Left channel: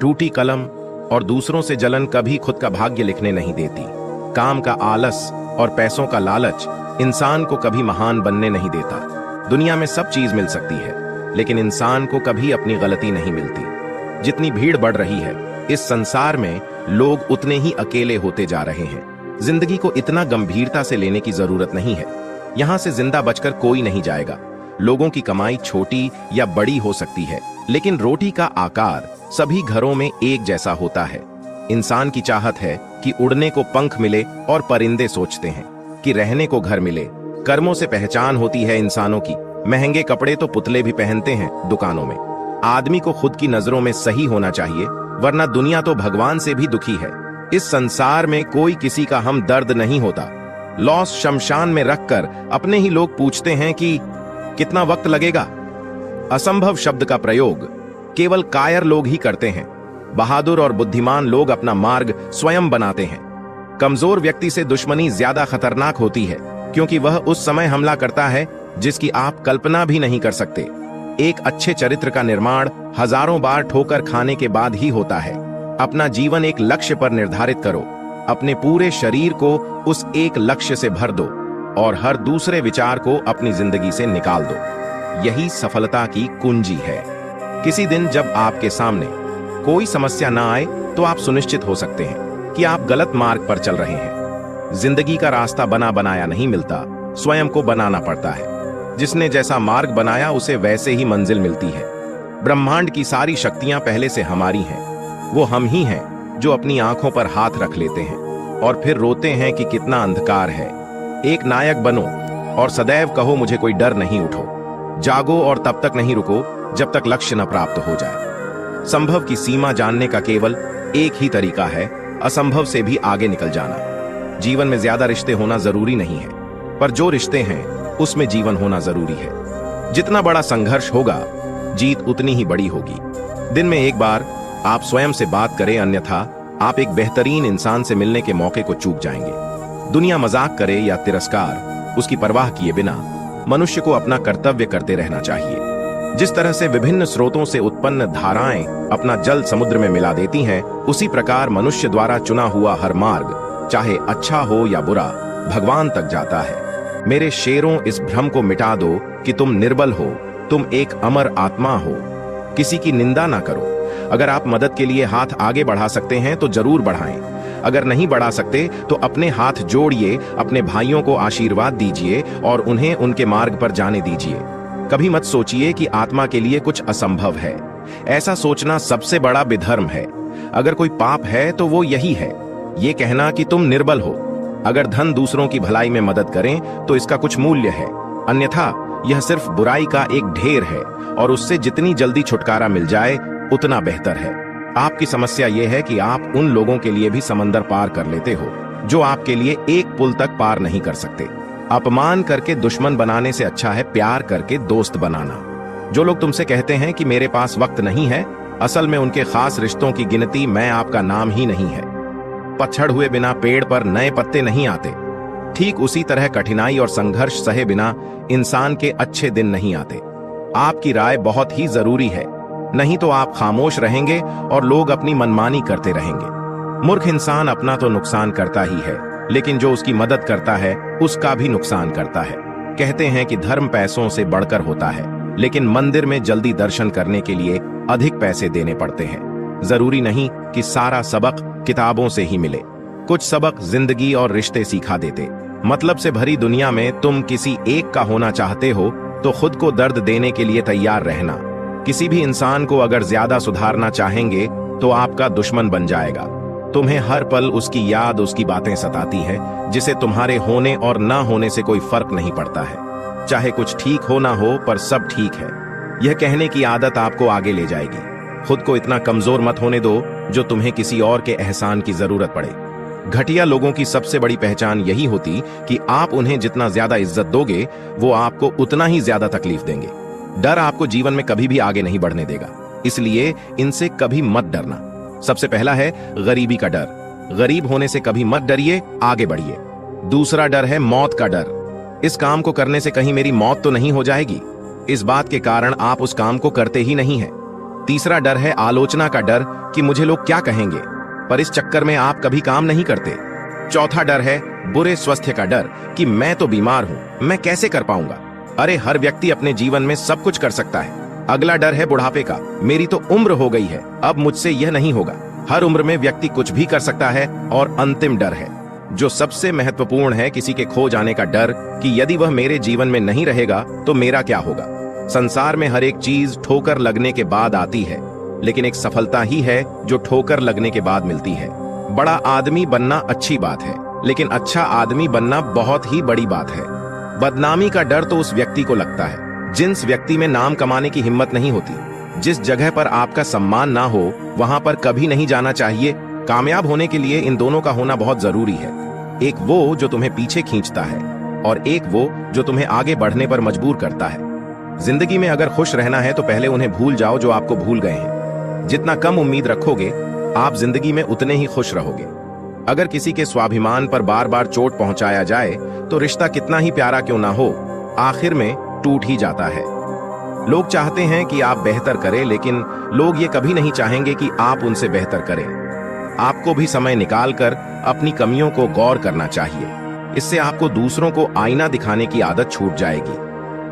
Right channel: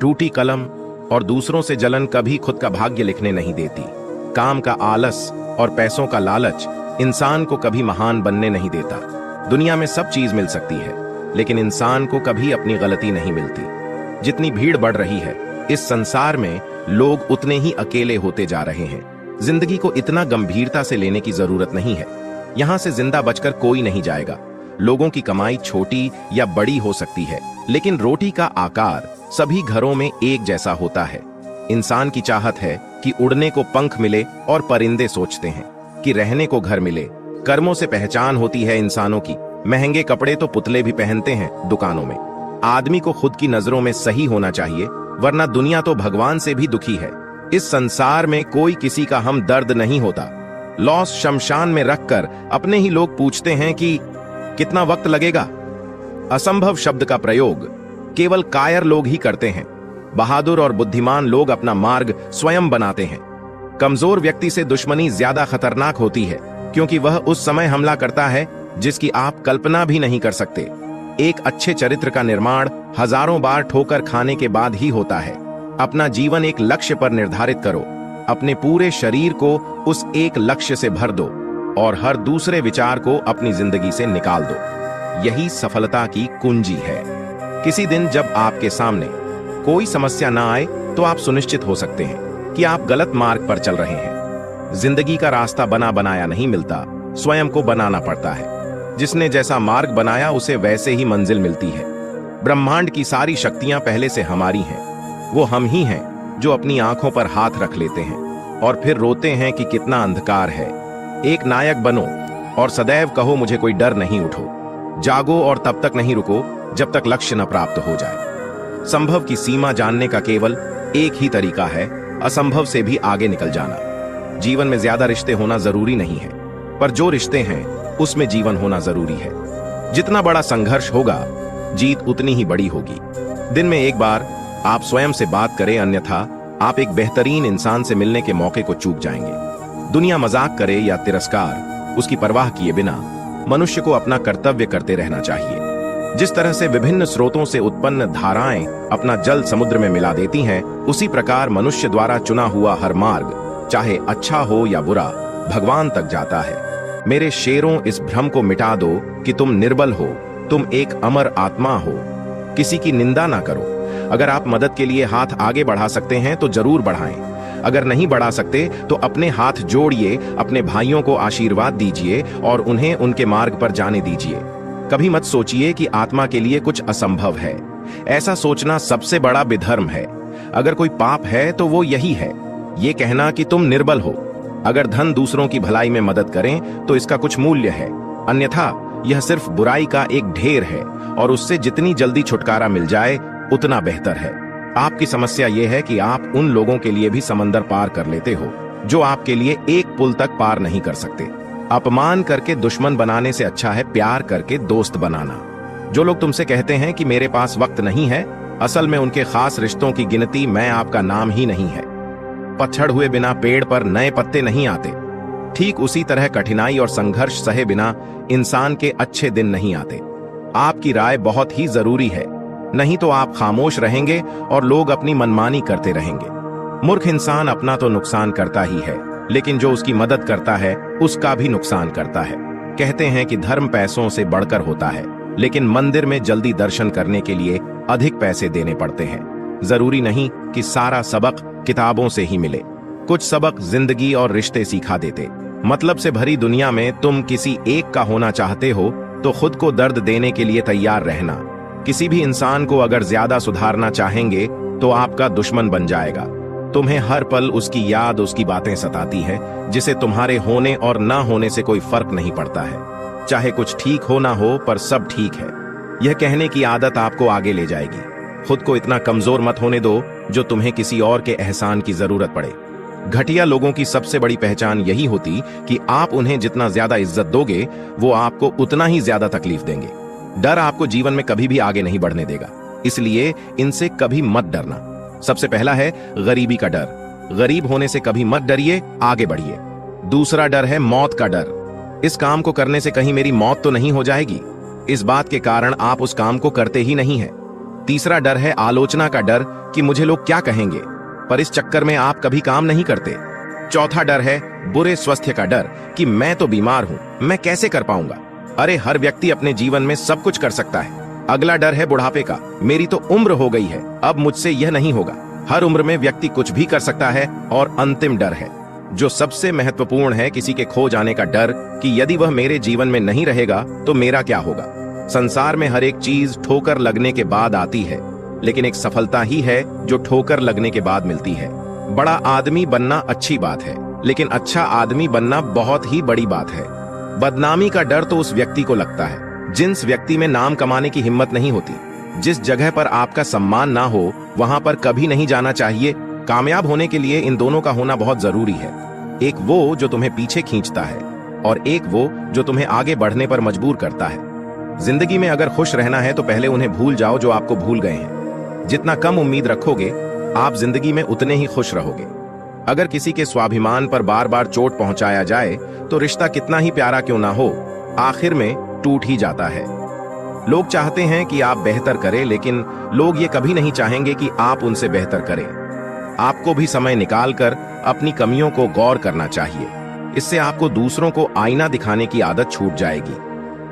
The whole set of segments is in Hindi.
टूटी कलम और दूसरों से जलन कभी खुद का भाग्य लिखने नहीं देती। काम का आलस और पैसों का लालच इंसान को कभी महान बनने नहीं देता। दुनिया में सब चीज मिल सकती है, लेकिन इंसान को कभी अपनी गलती नहीं मिलती। जितनी भीड़ बढ़ रही है इस संसार में, लोग उतने ही अकेले होते जा रहे हैं। जिंदगी को इतना गंभीरता से लेने की जरूरत नहीं है। यहाँ से जिंदा बचकर कोई नहीं जाएगा। लोगों की कमाई छोटी या बड़ी हो सकती है, लेकिन रोटी का आकार सभी घरों में एक जैसा होता है। इंसान की चाहत है कि उड़ने को पंख मिले और परिंदे सोचते हैं कि रहने को घर मिले। कर्मों से पहचान होती है इंसानों की। महंगे कपड़े तो पुतले भी पहनते हैं दुकानों में। आदमी को खुद की नजरों में सही होना चाहिए, वरना दुनिया तो भगवान से भी दुखी है। इस संसार में कोई किसी का हमदर्द नहीं होता। लॉस शमशान में रखकर अपने ही लोग पूछते हैं कि कितना वक्त लगेगा। असंभव शब्द का प्रयोग केवल कायर लोग ही करते हैं। बहादुर और बुद्धिमान लोग अपना मार्ग स्वयं बनाते हैं। कमजोर व्यक्ति से दुश्मनी ज्यादा खतरनाक होती है, क्योंकि वह उस समय हमला करता है जिसकी आप कल्पना भी नहीं कर सकते। एक अच्छे चरित्र का निर्माण हजारों बार ठोकर खाने के बाद ही होता है। अपना जीवन एक लक्ष्य पर निर्धारित करो। अपने पूरे शरीर को उस एक लक्ष्य से भर दो और हर दूसरे विचार को अपनी जिंदगी से निकाल दो। यही सफलता की कुंजी है। किसी दिन जब आपके सामने कोई समस्या ना आए तो आप सुनिश्चित हो सकते हैं कि आप गलत मार्ग पर चल रहे हैं। जिंदगी का रास्ता बना बनाया नहीं मिलता, स्वयं को बनाना पड़ता है। जिसने जैसा मार्ग बनाया उसे वैसे ही मंजिल मिलती है। ब्रह्मांड की सारी शक्तियां पहले से हमारी हैं। वो हम ही हैं जो अपनी आंखों पर हाथ रख लेते हैं और फिर रोते हैं कि कितना अंधकार है। एक नायक बनो और सदैव कहो मुझे कोई डर नहीं। उठो, जागो और तब तक नहीं रुको जब तक लक्ष्य न प्राप्त हो जाए। संभव की सीमा जानने का केवल एक ही तरीका है, असंभव से भी आगे निकल जाना। जीवन में ज्यादा रिश्ते होना जरूरी नहीं है, पर जो रिश्ते हैं उसमें जीवन होना जरूरी है। जितना बड़ा संघर्ष होगा, जीत उतनी ही बड़ी होगी। दिन में एक बार आप स्वयं से बात करें, अन्यथा आप एक बेहतरीन इंसान से मिलने के मौके को चूक जाएंगे। दुनिया मजाक करे या तिरस्कार, उसकी परवाह किए बिना मनुष्य को अपना कर्तव्य करते रहना चाहिए। जिस तरह से विभिन्न स्रोतों से उत्पन्न धाराएं अपना जल समुद्र में मिला देती हैं, उसी प्रकार मनुष्य द्वारा चुना हुआ हर मार्ग, चाहे अच्छा हो या बुरा, भगवान तक जाता है। मेरे शेरों, इस भ्रम को मिटा दो कि तुम निर्बल हो। तुम एक अमर आत्मा हो। किसी की निंदा ना करो। अगर आप मदद के लिए हाथ आगे बढ़ा सकते हैं तो जरूर बढ़ाएं। अगर नहीं बढ़ा सकते तो अपने हाथ जोड़िए, अपने भाइयों को आशीर्वाद दीजिए और उन्हें उनके मार्ग पर जाने दीजिए। कभी मत सोचिए कि आत्मा के लिए कुछ असंभव है। ऐसा सोचना सबसे बड़ा विधर्म है। अगर कोई पाप है तो वो यही है, ये कहना कि तुम निर्बल हो। अगर धन दूसरों की भलाई में मदद करें तो इसका कुछ मूल्य है, अन्यथा यह सिर्फ बुराई का एक ढेर है और उससे जितनी जल्दी छुटकारा मिल जाए उतना बेहतर है। आपकी समस्या यह है कि आप उन लोगों के लिए भी समंदर पार कर लेते हो जो आपके लिए एक पुल तक पार नहीं कर सकते। अपमान करके दुश्मन बनाने से अच्छा है प्यार करके दोस्त बनाना। जो लोग तुमसे कहते हैं कि मेरे पास वक्त नहीं है, असल में उनके खास रिश्तों की गिनती मैं आपका नाम ही नहीं है। पतझड़ हुए बिना पेड़ पर नए पत्ते नहीं आते। ठीक उसी तरह कठिनाई और संघर्ष सहे बिना इंसान के अच्छे दिन नहीं आते। आपकी राय बहुत ही जरूरी है, नहीं तो आप खामोश रहेंगे और लोग अपनी मनमानी करते रहेंगे। मूर्ख इंसान अपना तो नुकसान करता ही है, लेकिन जो उसकी मदद करता है उसका भी नुकसान करता है। कहते हैं कि धर्म पैसों से बढ़कर होता है, लेकिन मंदिर में जल्दी दर्शन करने के लिए अधिक पैसे देने पड़ते हैं। जरूरी नहीं कि सारा सबक किताबों से ही मिले। कुछ सबक जिंदगी और रिश्ते सिखा देते। मतलब से भरी दुनिया में तुम किसी एक का होना चाहते हो तो खुद को दर्द देने के लिए तैयार रहना। किसी भी इंसान को अगर ज्यादा सुधारना चाहेंगे तो आपका दुश्मन बन जाएगा। तुम्हें हर पल उसकी याद, उसकी बातें सताती हैं, जिसे तुम्हारे होने और ना होने से कोई फर्क नहीं पड़ता है। चाहे कुछ ठीक हो ना हो, पर सब ठीक है, यह कहने की आदत आपको आगे ले जाएगी। खुद को इतना कमजोर मत होने दो जो तुम्हें किसी और के एहसान की जरूरत पड़े। घटिया लोगों की सबसे बड़ी पहचान यही होती कि आप उन्हें जितना ज्यादा इज्जत दोगे, वो आपको उतना ही ज्यादा तकलीफ देंगे। डर आपको जीवन में कभी भी आगे नहीं बढ़ने देगा, इसलिए इनसे कभी मत डरना। सबसे पहला है गरीबी का डर। गरीब होने से कभी मत डरिए, आगे बढ़िए। दूसरा डर है मौत का डर। इस काम को करने से कहीं मेरी मौत तो नहीं हो जाएगी, इस बात के कारण आप उस काम को करते ही नहीं हैं। तीसरा डर है आलोचना का डर, कि मुझे लोग क्या कहेंगे, पर इस चक्कर में आप कभी काम नहीं करते। चौथा डर है बुरे स्वास्थ्य का डर कि मैं तो बीमार हूँ, मैं कैसे कर पाऊंगा। अरे हर व्यक्ति अपने जीवन में सब कुछ कर सकता है। अगला डर है बुढ़ापे का, मेरी तो उम्र हो गई है, अब मुझसे यह नहीं होगा। हर उम्र में व्यक्ति कुछ भी कर सकता है। और अंतिम डर है जो सबसे महत्वपूर्ण है, किसी के खो जाने का डर कि यदि वह मेरे जीवन में नहीं रहेगा तो मेरा क्या होगा। संसार में हर एक चीज ठोकर लगने के बाद आती है, लेकिन एक सफलता ही है जो ठोकर लगने के बाद मिलती है। बड़ा आदमी बनना अच्छी बात है, लेकिन अच्छा आदमी बनना बहुत ही बड़ी बात है। बदनामी का डर तो उस व्यक्ति को लगता है जिस व्यक्ति में नाम कमाने की हिम्मत नहीं होती। जिस जगह पर आपका सम्मान ना हो वहां पर कभी नहीं जाना चाहिए। कामयाब होने के लिए इन दोनों का होना बहुत जरूरी है। एक वो जो तुम्हें पीछे खींचता है और एक वो जो तुम्हें आगे बढ़ने पर मजबूर करता है। जिंदगी में अगर खुश रहना है तो पहले उन्हें भूल जाओ जो आपको भूल गए हैं। जितना कम उम्मीद रखोगे आप जिंदगी में उतने ही खुश रहोगे। अगर किसी के स्वाभिमान पर बार बार चोट पहुंचाया जाए तो रिश्ता कितना ही प्यारा क्यों ना हो, आखिर में टूट ही जाता है। लोग चाहते हैं कि आप बेहतर करें, लेकिन लोग ये कभी नहीं चाहेंगे कि आप उनसे बेहतर करें। आपको भी समय निकालकर अपनी कमियों को गौर करना चाहिए। इससे आपको दूसरों को आईना दिखाने की आदत छूट जाएगी।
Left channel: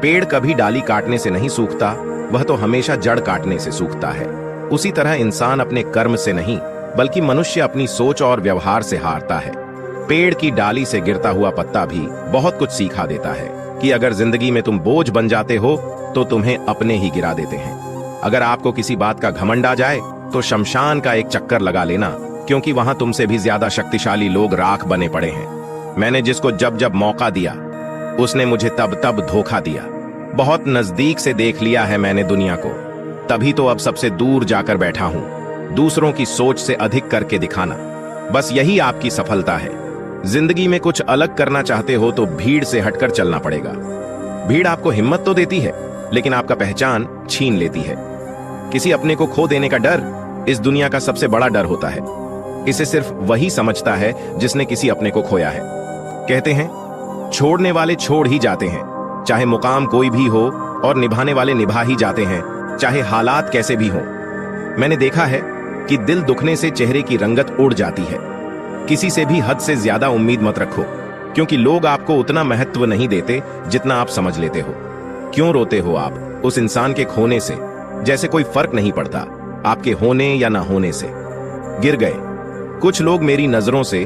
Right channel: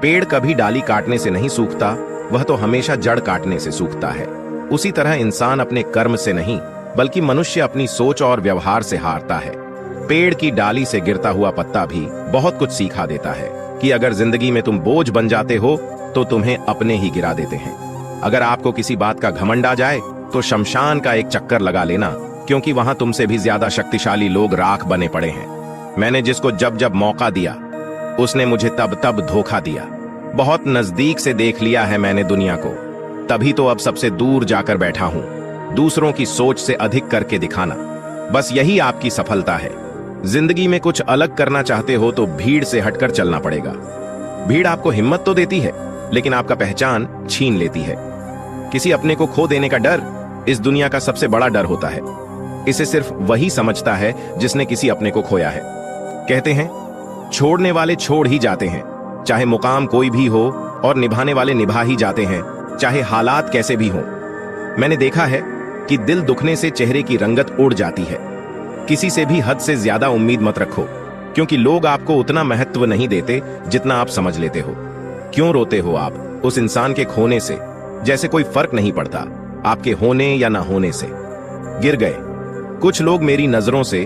पेड़ कभी डाली काटने से नहीं सूखता, वह तो हमेशा जड़ काटने से सूखता है। उसी तरह इंसान अपने कर्म से नहीं बल्कि मनुष्य अपनी सोच और व्यवहार से हारता है। पेड़ की डाली से गिरता हुआ पत्ता भी बहुत कुछ सिखा देता है कि अगर जिंदगी में तुम बोझ बन जाते हो तो तुम्हें अपने ही गिरा देते हैं। अगर आपको किसी बात का घमंड आ जाए तो शमशान का एक चक्कर लगा लेना, क्योंकि वहां तुमसे भी ज्यादा शक्तिशाली लोग राख बने पड़े हैं। मैंने जिसको जब जब मौका दिया उसने मुझे तब तब धोखा दिया। बहुत नजदीक से देख लिया है मैंने दुनिया को, तभी तो अब सबसे दूर जाकर बैठा हूँ। दूसरों की सोच से अधिक करके दिखाना, बस यही आपकी सफलता है। जिंदगी में कुछ अलग करना चाहते हो तो भीड़ से हटकर चलना पड़ेगा। भीड़ आपको हिम्मत तो देती है, लेकिन आपका पहचान छीन लेती है। किसी अपने को खो देने का डर इस दुनिया का सबसे बड़ा डर होता है। इसे सिर्फ वही समझता है जिसने किसी अपने को खोया है। कहते हैं छोड़ने वाले छोड़ ही जाते हैं, चाहे मुकाम कोई भी हो, और निभाने वाले निभा ही जाते हैं, चाहे हालात कैसे भी हो। मैंने देखा है कि दिल दुखने से चेहरे की रंगत उड़ जाती है। किसी से भी हद से ज्यादा उम्मीद मत रखो, क्योंकि लोग आपको उतना महत्व नहीं देते जितना आप समझ लेते हो। क्यों रोते हो आप उस इंसान के खोने से, जैसे कोई फर्क नहीं पड़ता आपके होने या न होने से। गिर गए कुछ लोग मेरी नजरों से,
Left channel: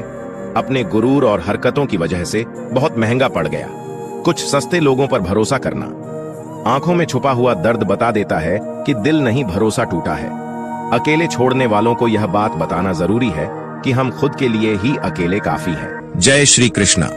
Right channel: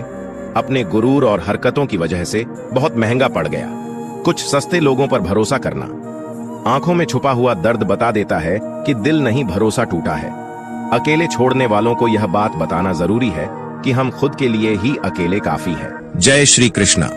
अपने गुरूर और हरकतों की वजह से बहुत महंगा पड़ गया। कुछ सस्ते लोगों पर भरोसा करना आंखों में छुपा हुआ दर्द बता देता है कि दिल नहीं भरोसा टूटा है। अकेले छोड़ने वालों को यह बात बताना जरूरी है कि हम खुद के लिए ही अकेले काफी हैं। जय श्री कृष्णा।